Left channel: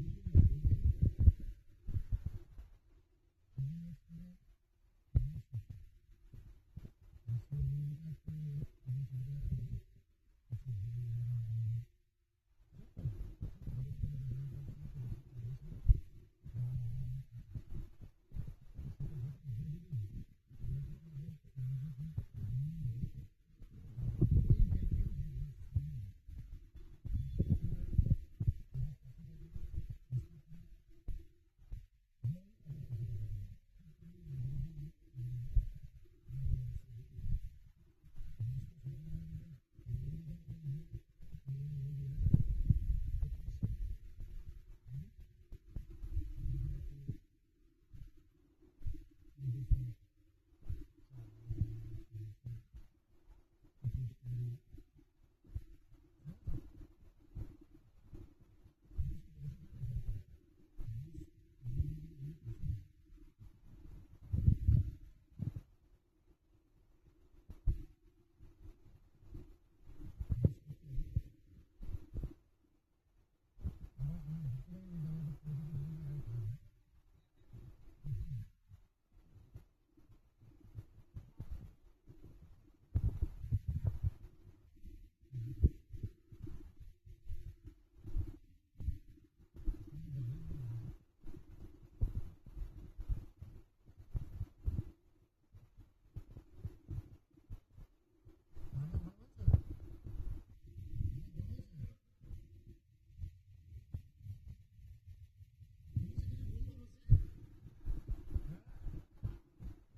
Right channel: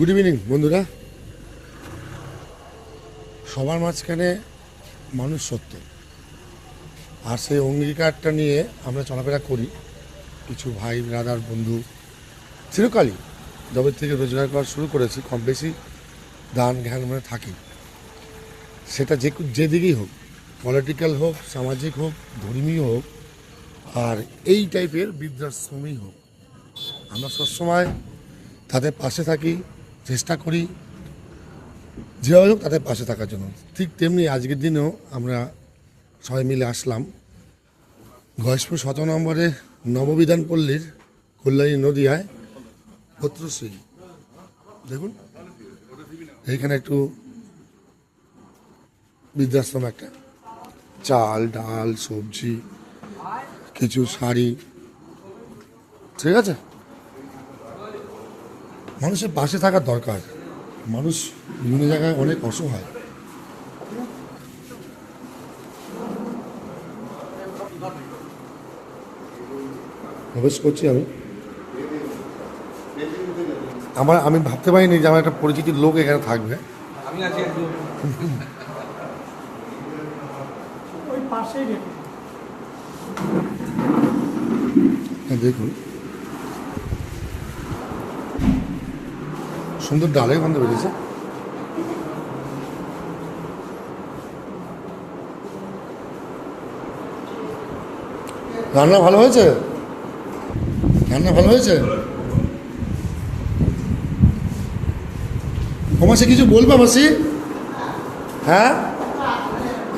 Good evening বন্ধুরা। সবার মাঝখানে মানুষ সত্য, আর সেই অঙ্গীকারটা নিয়ে আমরা চলাফেরা করি। কিছু ভাই ব্রাদার বন্ধু চিরকালই যবে থেকে রোজগার করা শুরু করেছি কম বেশি দান জ্ঞান মানে থাকি, সেটা যেদিকেই হোক, পলিটিক্যাল হোক, সামাজিক হোক, ধর্মীয় হোক, আর এই টাইপের বৃদ্ধাশ্রমই হোক, আমরা সবসময় তাদের পাশে থাকি, চেষ্টা করি যেভাবে হোক তাদের পাশে থাকার জন্য। ঠিক তেমনি আজকের দিনেও আমরা সবাই মিলে আসলাম গয়েশপুর 17 নম্বরে নববিধান পল্লীর কল্যাণী নদীয়ায় পত্রশ্রী। দেখুন এইখানে একটু বৃদ্ধাশ্রম, একটা চাল ডাল সবজি কিছু শাড়ি, ঠিক আছে। মানুষের পাশে থাকার দরকার, মানুষ বিভিন্ন জায়গায় অনেক অসহায়। প্রবেশ করছি আমি ভাবতে পারিনি যে আমার একটা পরিচিতির লোক এখানে থাকবে। দেখুন সুন্দর ডালে গন্ধ বেরিয়েছে। রান্না ভালো হয়েছে, রান্না ভালো হয়েছে। ও মাসি কিছু বলবে মাসি? হ্যাঁ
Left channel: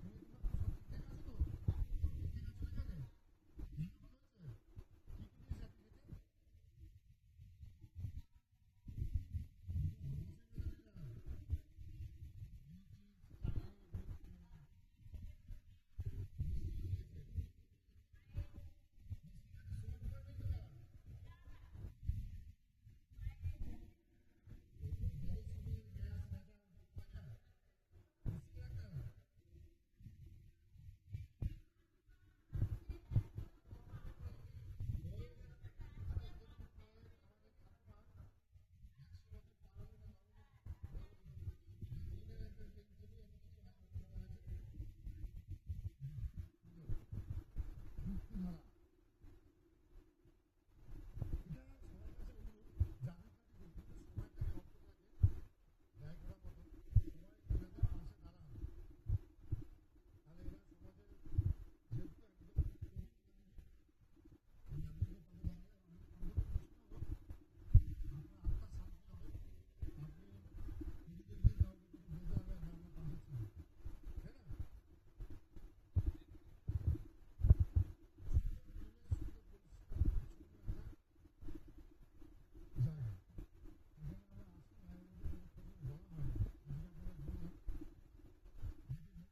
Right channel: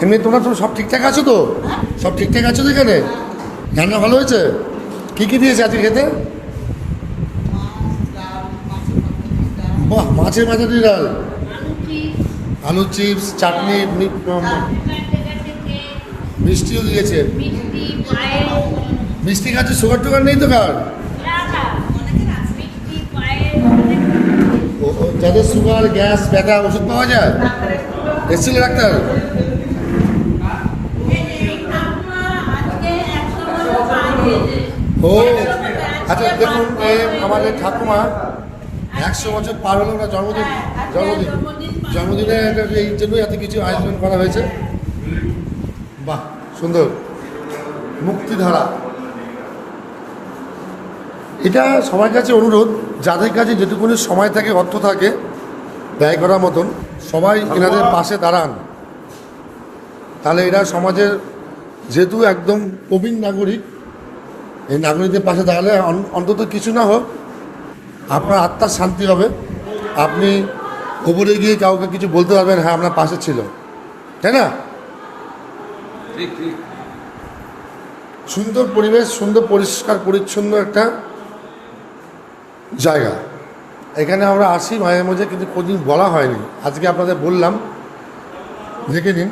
এমনি তোমরা তো সব ঠিকঠাক আছো তো? সব ঠিকঠাক আছো তো এখানে? রান্না ভালো হয়েছে? কী কী দিয়েছে আজকে খেতে? বাহ, মাছের মাথাটি ডাল, আলু চিপস, চাটনি, মিষ্টিও দিয়েছে। মিষ্টি খাচ্ছে, সুগার টুগার নেই তো? কার যাদের সুগার গ্যাস ব্যথা ওষুধ পাওয়া যায়? এসেছিল ডাক্তার? ও আচ্ছা, দেখুন আমাদের ঠাকুমা 100 বছর পার হলো না, জন্মদিনে এই জন্যই এত কিছু আয়োজন করা হয়েছে। বাহ সুন্দর, মুক্তিধারা। এটা সবার কাছে অনুরোধ, যাদের কাছে যেটুকুনি সময় থাকে, অর্থ থাকে ব্যয় করার মতন, সবাই এনাদের পাশে দাঁড়ান। তাহলে এরা সমাজের যেহেতু একদম প্রবীণ নাগরিক, এই নাগরিকদের পাশে দাঁড়ালে অন্তত কিছু না হোক আপনার আত্মার শান্তি হবে। আপনি ওপরে গিয়ে কাউকে কিছু বলতে পারবেন, হ্যাঁ আপনার পাশে ছিল, তাই না? সুন্দর পরিবেশ, সুন্দর পরিষ্কার পরিচ্ছন্ন একটা জায়গা। এখানে আমরা আসি মাঝে মাঝে, কিন্তু কোনদিন বলা হয়নি, আজকে আপনাদের বললাম, দেখে নিন।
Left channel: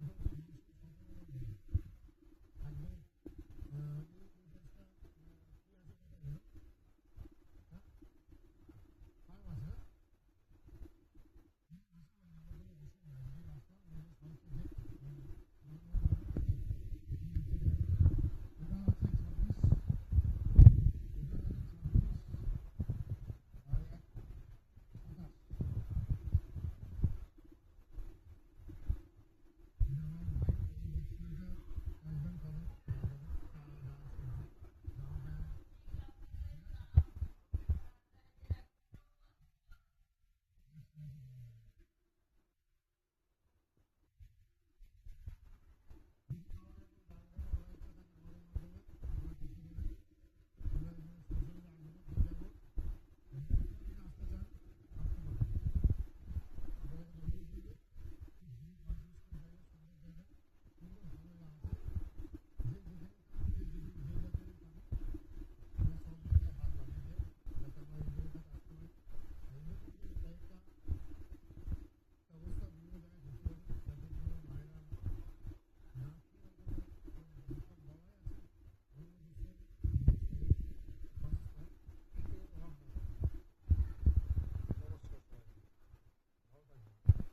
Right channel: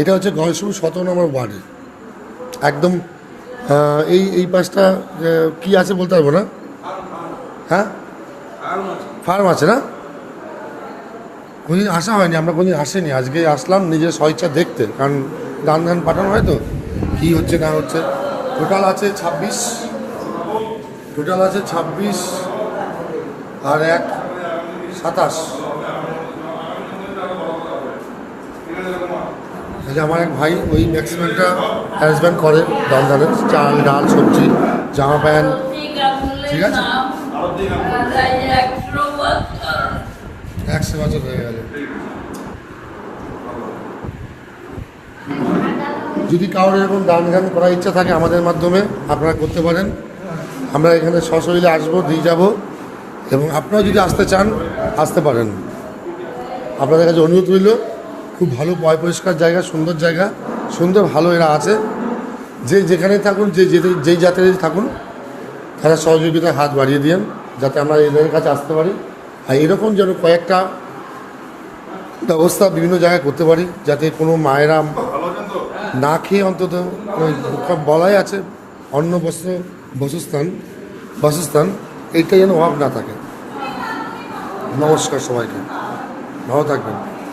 এটা হচ্ছে গয়েশপুর 17 নম্বর ওয়ার্ডে একদম। এই পাশটা কি আছে বলতে পারবো না। হ্যাঁ ফার্ম আছে না? কোনদিন আসা হয়নি, আমরা কোনদিন আসেনি, আজকে আসলাম নিজের স্বইচ্ছা দেখতে, কারণ গান ধান পাঠানো হয় তো কী হচ্ছে না হচ্ছে। টোটাল আছে 26, আর 1 27। আমার এক ভাই ওই ম্যাক্সিমামটা অ্যারেঞ্জমেন্ট করে, দানের চাল ডাল সবজি জামা প্যান্ট, ঠিক আছে। 100 বছর হয়ে গেল। যদি কারোর এরকম দান জ্ঞান করার ইচ্ছা থাকে আমাদের মাধ্যমে আপনারা করতে পারেন। আমরা এখানে সশরীরে আসবো, দিয়ে যাব, এবং আপনারা যদি আসতে চান আসতে পারেন। আপনাদের কাছে অনুরোধ রইল, খুব ভালো পয় পরিষ্কার জায়গা, সুন্দর জায়গা, সুন্দর ভালো এরা আছে। যে যেখানেই থাকুন, যেই জাতেরই থাকুন, তারা সহযোগিতায় হাত বাড়িয়ে দিন, যাতে আমরা এদের কাছে আসতে পারি। আর এরকম যেন কয়েকটা ব্যবস্থা বিভিন্ন জায়গায় করতে পারি, যাতে কোনো মায়েরা না খেয়ে অন্তত বলাই আছে অন্ন বস্ত্র বাসস্থান এইটা যেন অভাব না থাকে। নমস্কার সবাইকে, ভালো থাকবেন।